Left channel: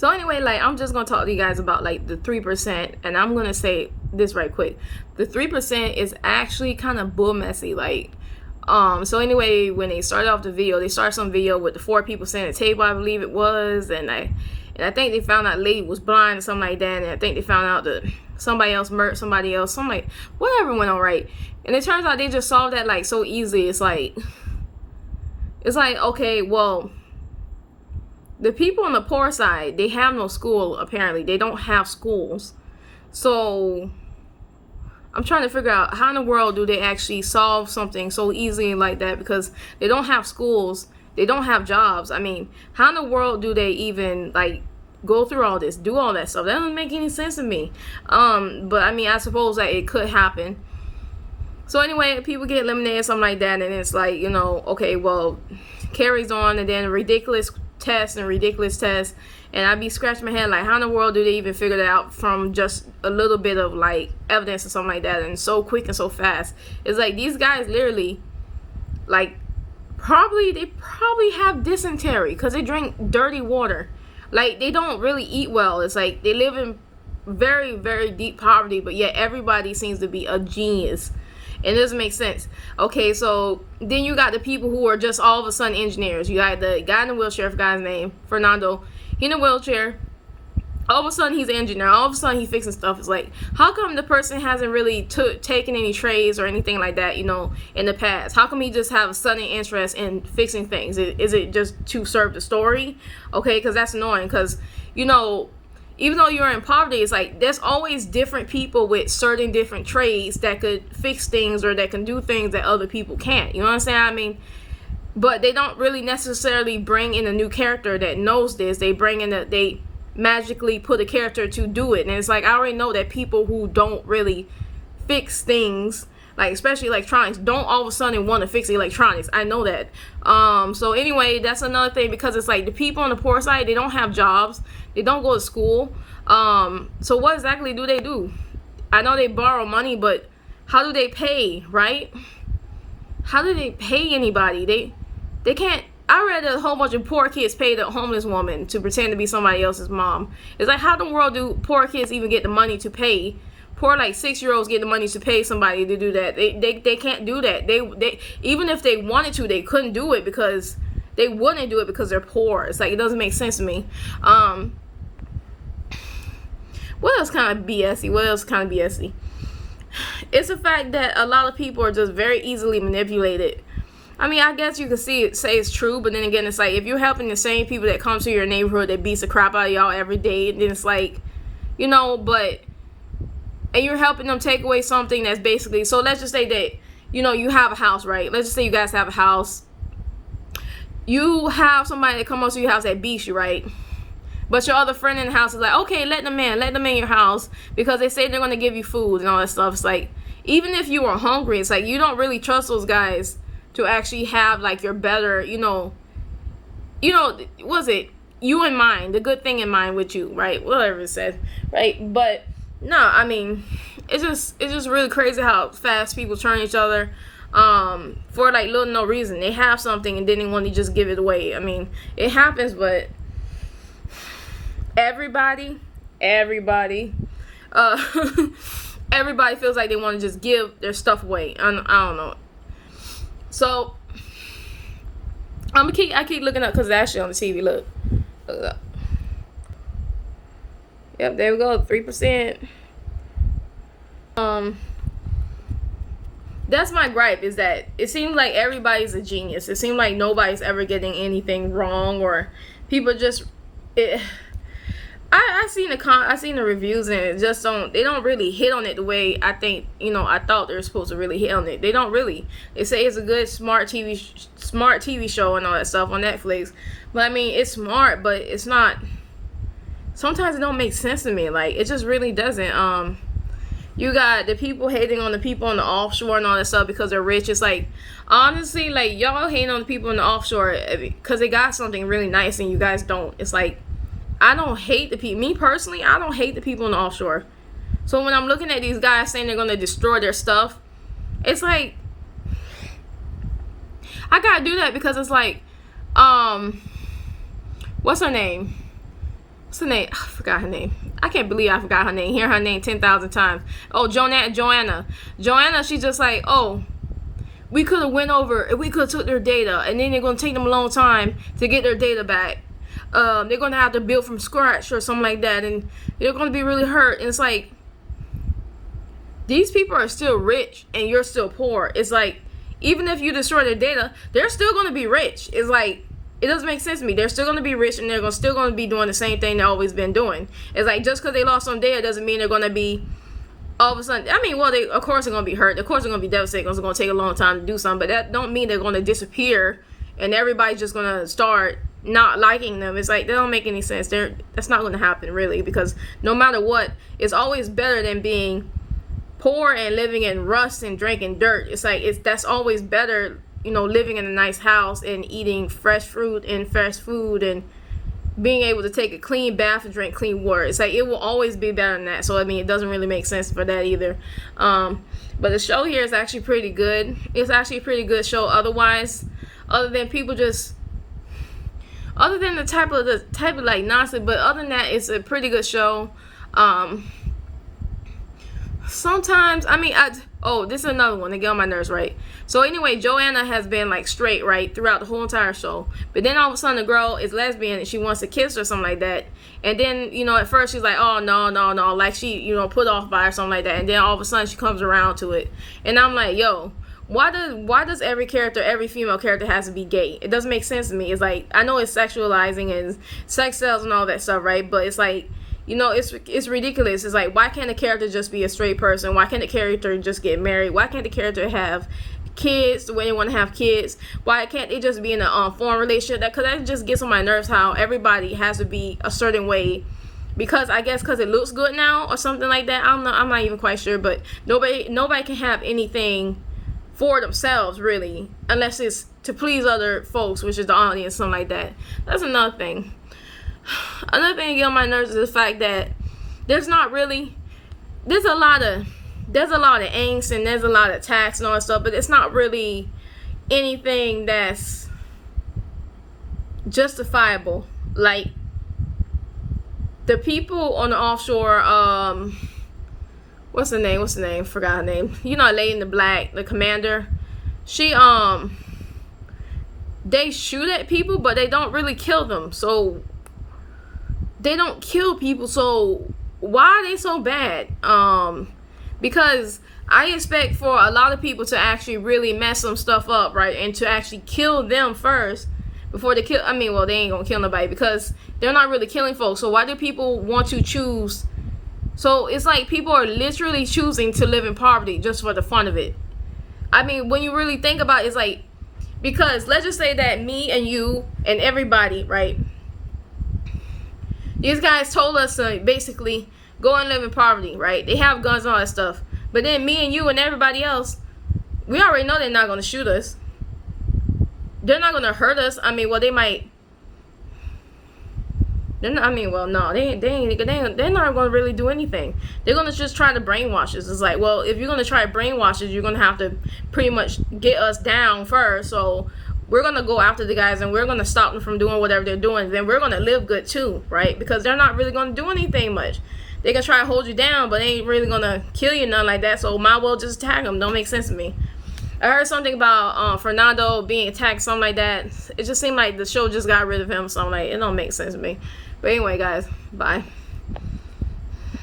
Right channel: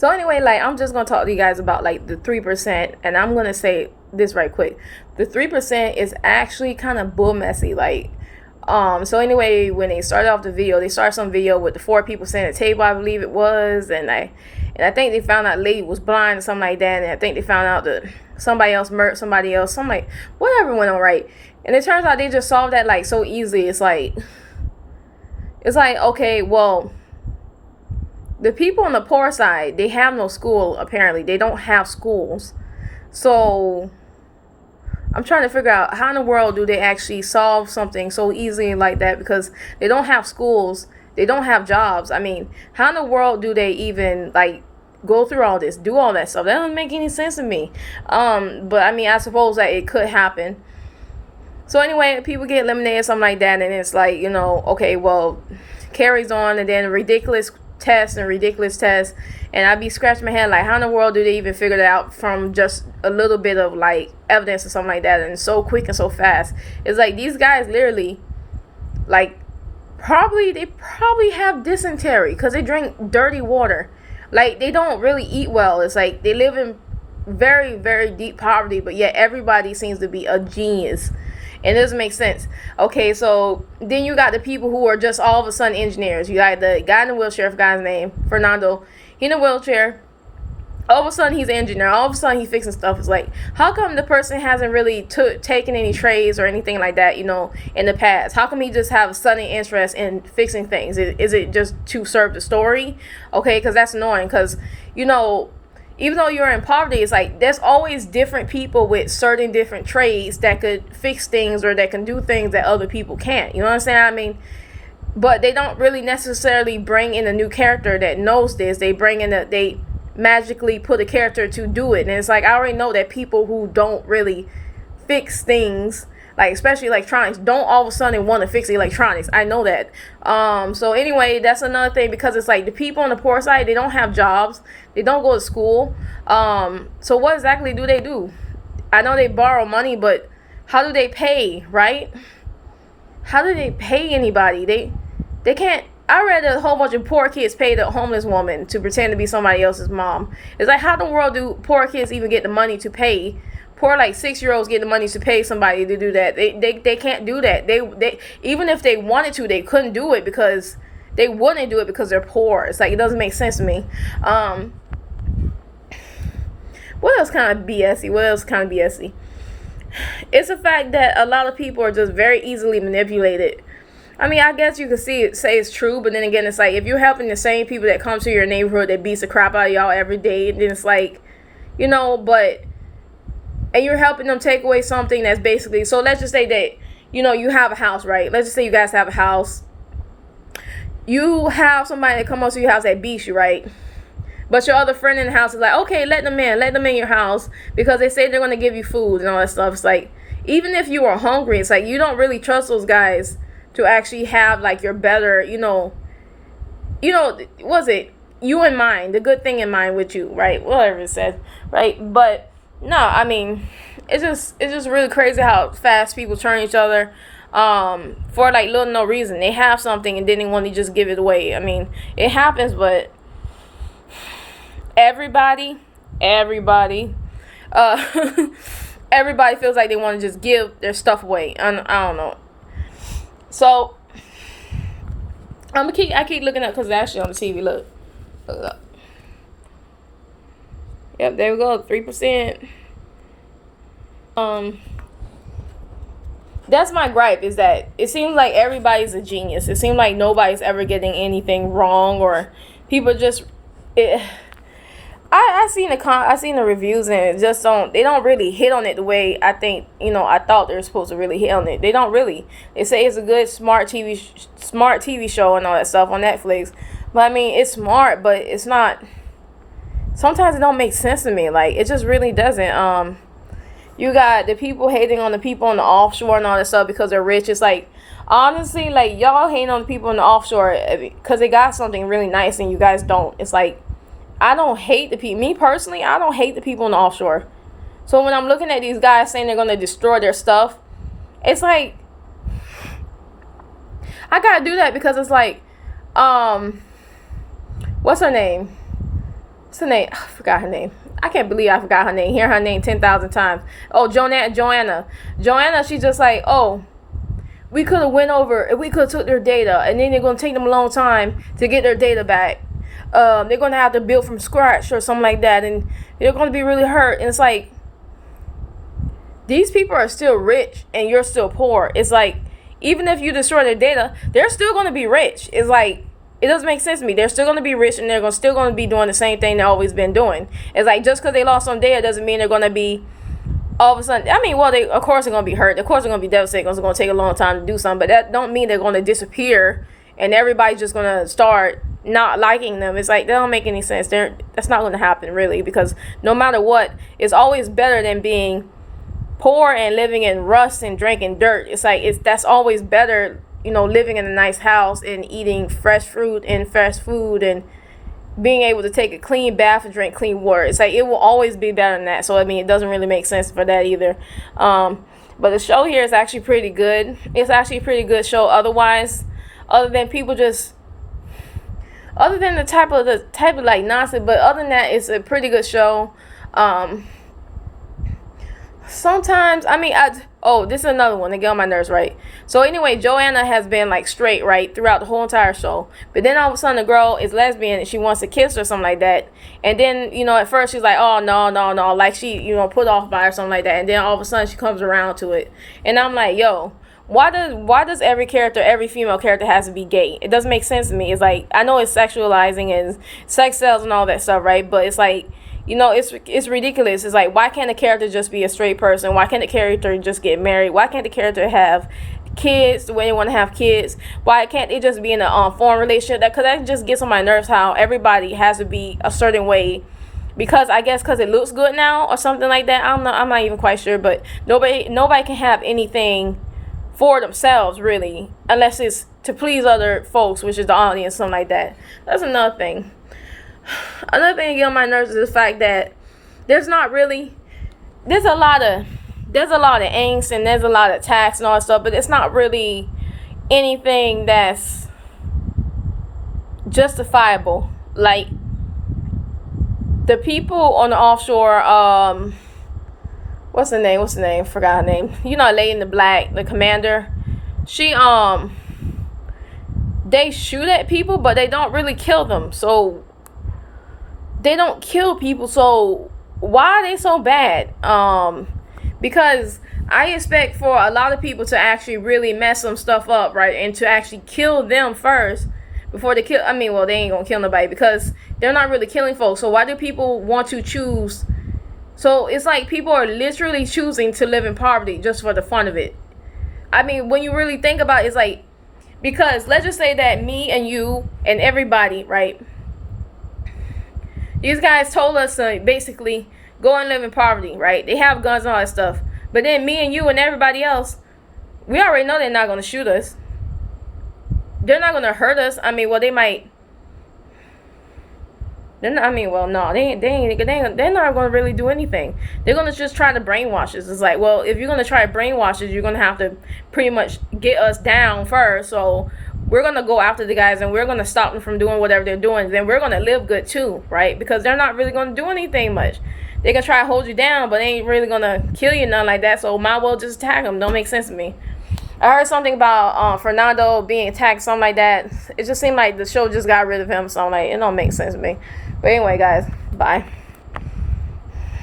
So anyway, like, I'm just gonna talk to you guys about like the 3%, and I'm gonna say this right quick. The 3% is actually kind of bull messy. Like, so anyway, when they started off the video, they started some video with the 4 people sitting at the table, I believe it was, and I think they found out the lady was blind or something like that, and I think they found out that somebody else murdered somebody else, something like whatever went on, right? And it turns out they just solved that like so easily. It's like okay, well, the people on the poor side, they have no school, apparently. They don't have schools. So I'm trying to figure out how in the world do they actually solve something so easily like that, because they don't have schools, they don't have jobs. I mean, how in the world do they even like go through all this, do all that stuff? That doesn't make any sense to me. But I mean, I suppose that it could happen. So anyway, people get eliminated, something like that, and it's like, okay, well, carries on, and then ridiculous tests, and I'd be scratching my head like, how in the world do they even figure that out from just a little bit of like evidence or something like that, and so quick and so fast? It's like these guys literally, like, they probably have dysentery because they drink dirty water. Like, they don't really eat well. It's like they live in very, very deep poverty, but yet everybody seems to be a genius. And it doesn't make sense. Okay, so then you got the people who are just all of a sudden engineers. You got the guy in the wheelchair, I forgot his name, Fernando. He in a wheelchair. All of a sudden he's an engineer. All of a sudden he's fixing stuff. It's like, how come the person hasn't really taken any trades or anything like that, in the past? How come he just have a sudden interest in fixing things? Is it just to serve the story? Okay, because that's annoying. Because, even though you're in poverty, it's like there's always different people with certain different trades that could fix things or that can do things that other people can't. You know what I'm saying? I mean, but they don't really necessarily bring in a new character that knows this. They they magically put a character to do it. And it's like, I already know that people who don't really fix things, like especially electronics, don't all of a sudden want to fix electronics. I know that. So anyway, that's another thing, because it's like the people on the poor side, they don't have jobs, they don't go to school. So what exactly do they do? I know they borrow money, but how do they pay, right? How do they pay anybody? They can't. I read a whole bunch of poor kids paid a homeless woman to pretend to be somebody else's mom. It's like, how in the world do poor kids even get the money to pay? Poor, like, 6-year-olds get the money to pay somebody to do that. They can't do that. They even if they wanted to, they couldn't do it, because they wouldn't do it because they're poor. It's like, it doesn't make sense to me. What else kind of BSy? It's the fact that a lot of people are just very easily manipulated. I mean, I guess you could say it's true, but then again, it's like, if you're helping the same people that come to your neighborhood that beats the crap out of y'all every day, then it's like, and you're helping them take away something that's basically, so let's just say that, you have a house, right? Let's just say you guys have a house. You have somebody that come up to your house that beats you, right? But your other friend in the house is like, okay, let them in your house, because they say they're going to give you food and all that stuff. It's like, even if you are hungry, it's like, you don't really trust those guys to actually have like your better, was it you in mind, the good thing in mind with you, right? Whatever it said, right? But no, I mean, it's just really crazy how fast people turn each other for like little no reason. They have something and then they want to just give it away. I mean, it happens, but everybody everybody feels like they want to just give their stuff away. I don't know. So I keep looking up because it's actually on the TV. Look it up. Yep, there we go, 3%. That's my gripe, is that it seems like everybody's a genius. It seems like nobody's ever getting anything wrong, or people just I seen the reviews, and they don't really hit on it the way I think, I thought they were supposed to really hit on it. They don't really. They say it's a good smart TV show and all that stuff on Netflix. But I mean, it's smart, but it's not. Sometimes it don't make sense to me. Like, it just really doesn't. You got the people hating on the people on the offshore and all that stuff because they're rich. It's like, honestly, like, y'all hating on the people on the offshore because they got something really nice and you guys don't. It's like, I don't hate the people. Me personally, I don't hate the people in the offshore. So when I'm looking at these guys saying they're going to destroy their stuff, it's like, I got to do that because it's like, what's her name? what's her name? I forgot her name. I can't believe I forgot her name. Hear her name 10,000 times. Oh, Joanna. Joanna, she's just like, oh, we could have went over and we could have took their data, and then they're going to take them a long time to get their data back. They're going to have to build from scratch or something like that, and they're going to be really hurt. And it's like, these people are still rich and you're still poor. It's like, even if you destroy their data, they're still going to be rich. It's like, it doesn't make sense to me. They're still going to be rich and they're still going to be doing the same thing they've always been doing. It's like, just because they lost some data doesn't mean they're going to be all of a sudden, I mean, well, they of course are going to be hurt. Of course they're going to be devastated. It's going to take a long time to do something. But that don't mean they're going to disappear and everybody's just going to start not liking them. It's like, that don't make any sense. That's not going to happen, really, because no matter what, it's always better than being poor and living in rust and drinking dirt. It's like, that's always better, living in a nice house and eating fresh fruit and fresh food and being able to take a clean bath and drink clean water. It's like, it will always be better than that. So, I mean, it doesn't really make sense for that either. But the show here is actually pretty good. It's actually a pretty good show otherwise, other than people just, other than the type of like nonsense, but other than that, it's a pretty good show. Sometimes, I mean, this is another one to get on my nerves, right? So anyway, Joanna has been like straight, right, throughout the whole entire show. But then all of a sudden the girl is lesbian and she wants to kiss her or something like that. And then, at first she's like, oh, no, like she, put off by or something like that. And then all of a sudden she comes around to it. And I'm like, yo, why does every female character has to be gay? It doesn't make sense to me. It's like, I know it's sexualizing and sex sells and all that stuff, right? But it's like, it's ridiculous. It's like, why can't the character just be a straight person? Why can't the character just get married? Why can't the character have kids the way they want to have kids? Why can't they just be in a foreign relationship? Because that just gets on my nerves how everybody has to be a certain way. Because I guess because it looks good now or something like that. I'm not even quite sure. But nobody can have anything for themselves, really, unless it's to please other folks, which is the audience, something like that. That's another thing. Another thing to get on my nerves is the fact that there's a lot of angst and there's a lot of attacks and all that stuff, but it's not really anything that's justifiable. Like, the people on the offshore, what's her name? Forgot her name. Lady in the black, the commander. She, they shoot at people, but they don't really kill them. So, they don't kill people, so why are they so bad? Because I expect for a lot of people to actually really mess some stuff up, right? And to actually kill them first before they kill, they ain't gonna kill nobody because they're not really killing folks. So why do people want to choose? So it's like people are literally choosing to live in poverty just for the fun of it. I mean, when you really think about it, it's like, because let's just say that me and you and everybody, right? These guys told us to basically go and live in poverty, right? They have guns and all that stuff. But then me and you and everybody else, we already know they're not going to shoot us. They're not going to hurt us. They might. They're not, no, they're not going to really do anything. They're going to just try to brainwash us. It's like, well, if you're going to try to brainwash us, you're going to have to pretty much get us down first. So we're going to go after the guys and we're going to stop them from doing whatever they're doing. Then we're going to live good too, right? Because they're not really going to do anything much. They can try to hold you down, but they ain't really going to kill you, nothing like that. So might well just attack them. Don't make sense to me. I heard something about Fernando being attacked, something like that. It just seemed like the show just got rid of him. So I'm like, it don't make sense to me. But anyway, guys, bye.